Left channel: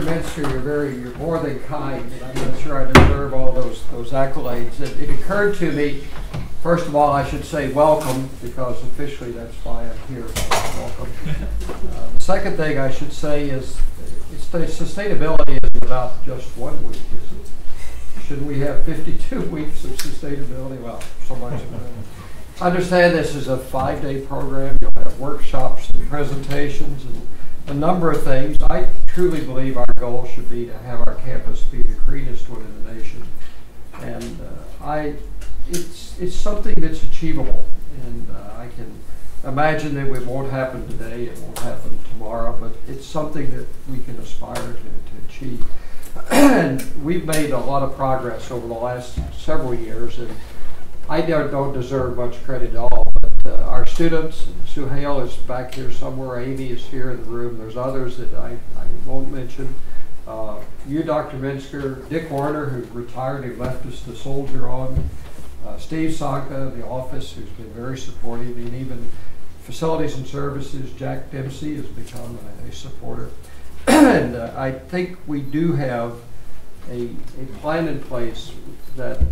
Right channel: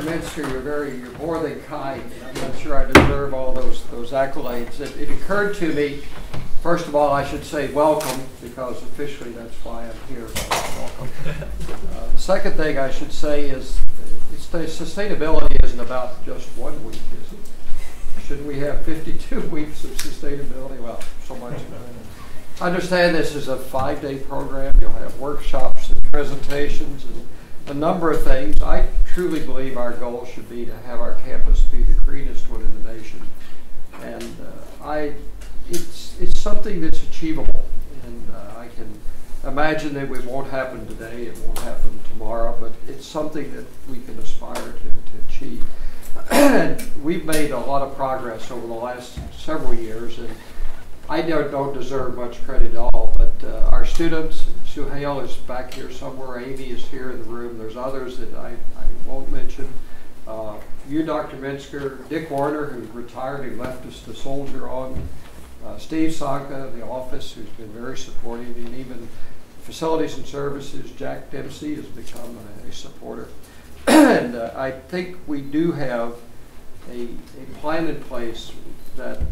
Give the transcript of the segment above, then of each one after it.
Dr. Minsker, you're more than kind, and I'm not sure I deserve all those accolades. It occurred to me, first of all, I should say welcome, because officially that's why I'm here. So welcome. The second thing I should say is, sustainability isn't about just 1 week, is it? Shouldn't we have 52 weeks of sustainability? Well, so much. I understand this is a 5-day program. You'll have workshops and presentations and a number of things. I truly believe our goal should be to have our campus be the greenest one in the nation. And it's something that's achievable. And I can imagine that it won't happen today, it won't happen tomorrow, but it's something that we can aspire to achieve. And we've made a lot of progress over the last several years, and I don't deserve much credit at all, but our students, Suhail is back here somewhere, Amy is here in the room, there's others that I won't mention. You, Dr. Minsker, Dick Warner, who retired and left us to soldier on, Steve Sanka in the office, who's been very supportive, and even Facilities and Services, Jack Dempsey has become a supporter. And I think we do have a plan in place that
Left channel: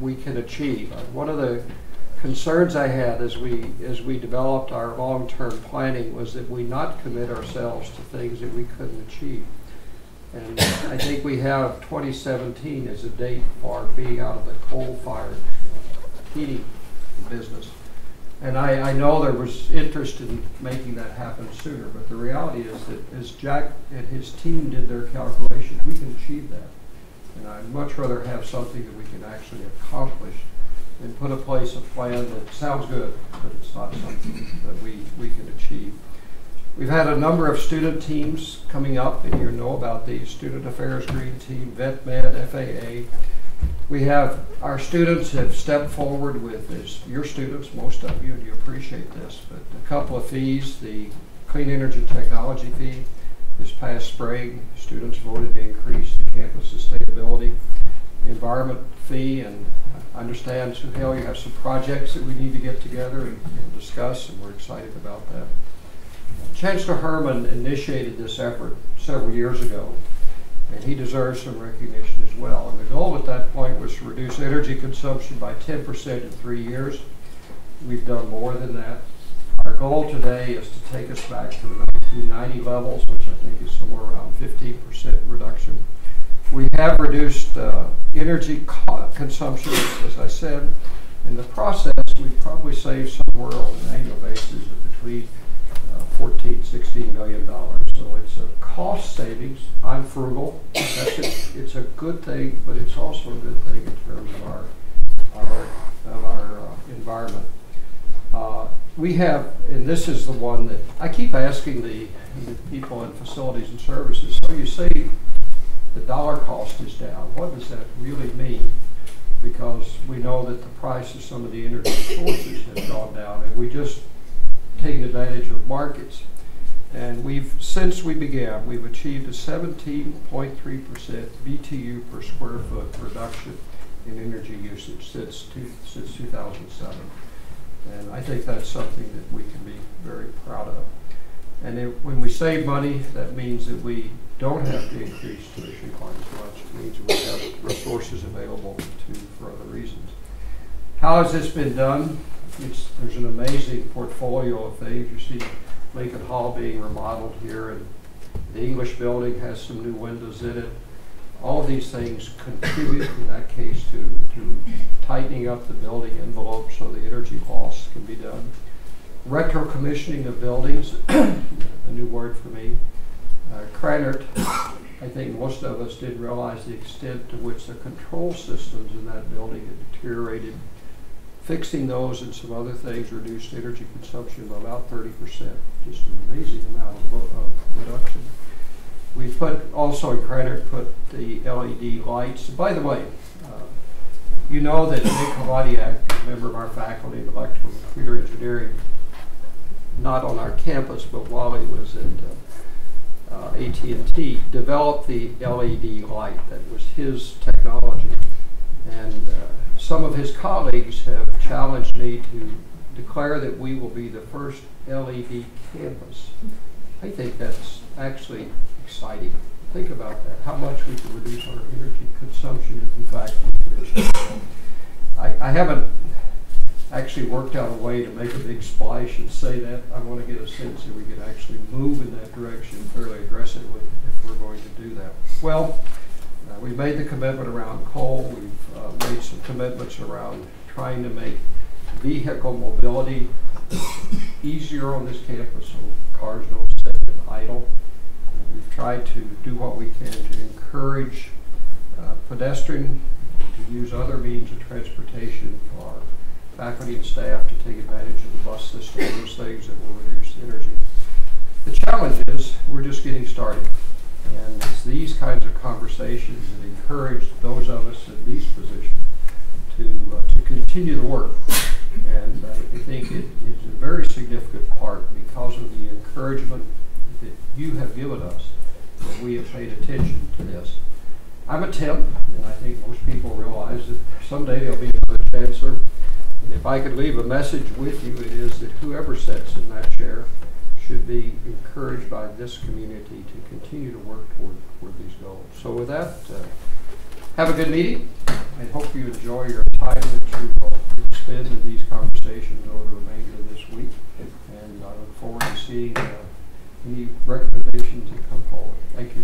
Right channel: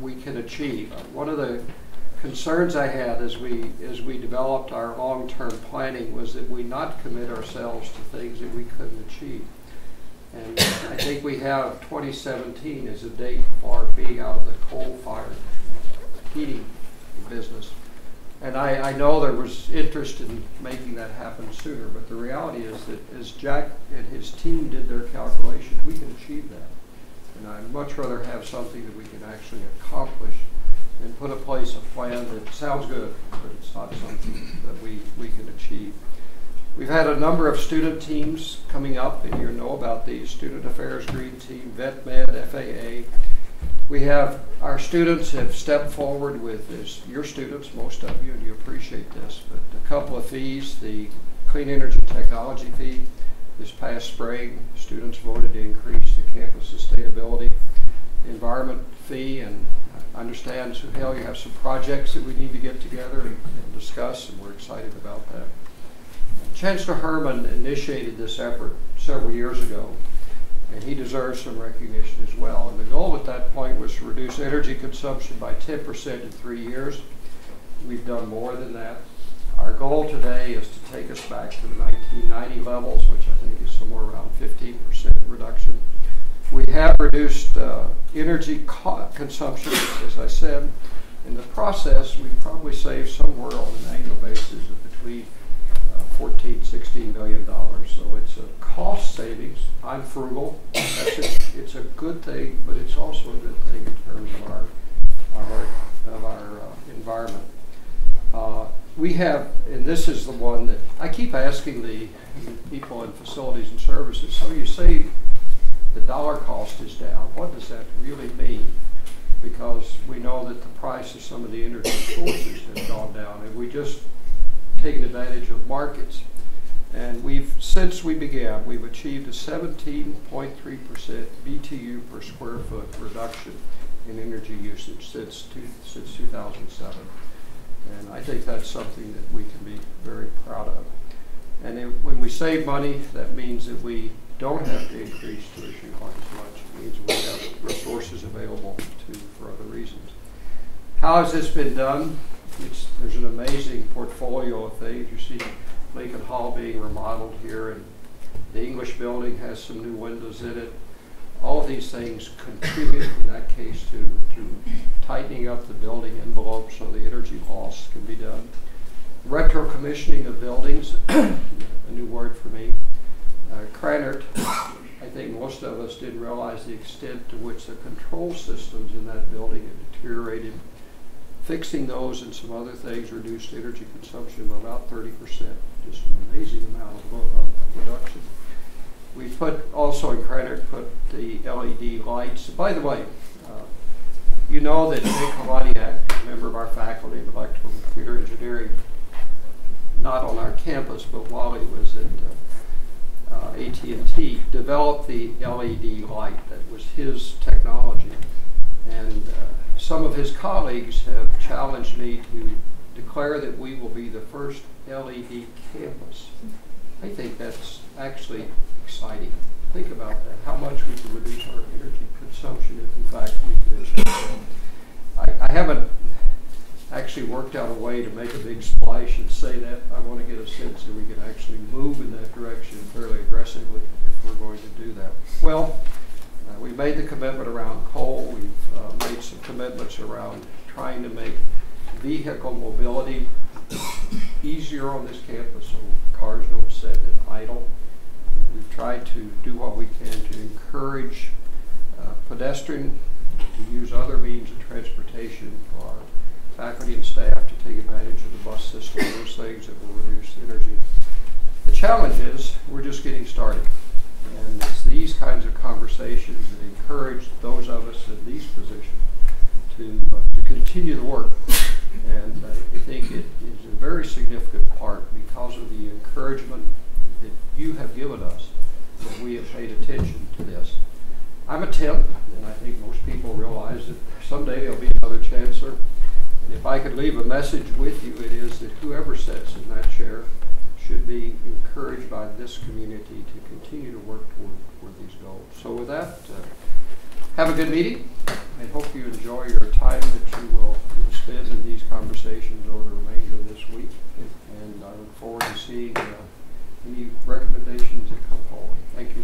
we can achieve. One of the concerns I had as we developed our long-term planning was that we not commit ourselves to things that we couldn't achieve. And I think we have 2017 as a date for being out of the coal-fired heating business. And I know there was interest in making that happen sooner, but the reality is that as Jack and his team did their calculations, we can achieve that. And I'd much rather have something that we can actually accomplish and put in place a plan that sounds good, but it's not something that we can achieve. We've had a number of student teams coming up, and you know about these: Student Affairs Green Team, Vet Med, FAA. We have, our students have stepped forward with, as your students, most of you, and you appreciate this, but a couple of fees. The Clean Energy Technology fee this past spring, students voted to increase the campus sustainability environment fee, and I understand, Suhail, you have some projects that we need to get together and discuss, and we're excited about that. Chancellor Herman initiated this effort several years ago, and he deserves some recognition as well. And the goal at that point was to reduce energy consumption by 10% in 3 years. We've done more than that. Our goal today is to take us back to the 1990 levels, which I think is somewhere around 15% reduction. We have reduced energy consumption, as I said. In the process, we've probably saved somewhere on an annual basis of between $14–16 million. So it's a cost savings. I'm frugal. It's a good thing, but it's also a good thing in terms of our environment. We have, and this is the one that I keep asking the people in Facilities and Services. So you say the dollar cost is down. What does that really mean? Because we know that the price of some of the energy sources has gone down, and we just taken advantage of markets. And since we began, we've achieved a 17.3% BTU per square foot reduction in energy usage since 2007. And I think that's something that we can be very proud of. And when we save money, that means that we don't have to increase tuition quite as much. It means we have resources available for other reasons. How has this been done? There's an amazing portfolio of things. You see Lincoln Hall being remodeled here, and the English building has some new windows in it. All of these things contribute, in that case, to tightening up the building envelope so the energy loss can be done. Retro commissioning of buildings, a new word for me. Cranert, I think most of us didn't realize the extent to which the control systems in that building had deteriorated. Fixing those and some other things reduced energy consumption by about 30%. Just an amazing amount of reduction. We also in Cranert put the LED lights. By the way, you know that Nick Haladiak, a member of our faculty of electrical and computer engineering, not on our campus, but while he was at AT&T, developed the LED light. That was his technology. And some of his colleagues have challenged me to declare that we will be the first LED campus. I think that's actually exciting. think about that, how much we can reduce our energy consumption if in fact we could achieve that. I haven't actually worked out a way to make a big splash and say that. I want to get a sense that we can actually move in that direction fairly aggressively if we're going to do that. Well, we made the commitment around coal. We've made some commitments around trying to make vehicle mobility easier on this campus so cars don't sit and idle. We've tried to do what we can to encourage pedestrian to use other means of transportation for our faculty and staff to take advantage of the bus system, those things that will reduce energy. The challenge is we're just getting started. And it's these kinds of conversations that encourage those of us in these positions to continue the work. And I think it is a very significant part because of the encouragement that you have given us that we have paid attention to this. I'm a temp, and I think most people realize that someday there'll be another chancellor. And if I could leave a message with you, it is that whoever sits in that chair should be encouraged by this community to continue to work toward these goals. So with that, have a good meeting. I hope you enjoy your time that you will spend in these conversations over the remainder of this week. And I look forward to seeing any recommendations that come forward. Thank you.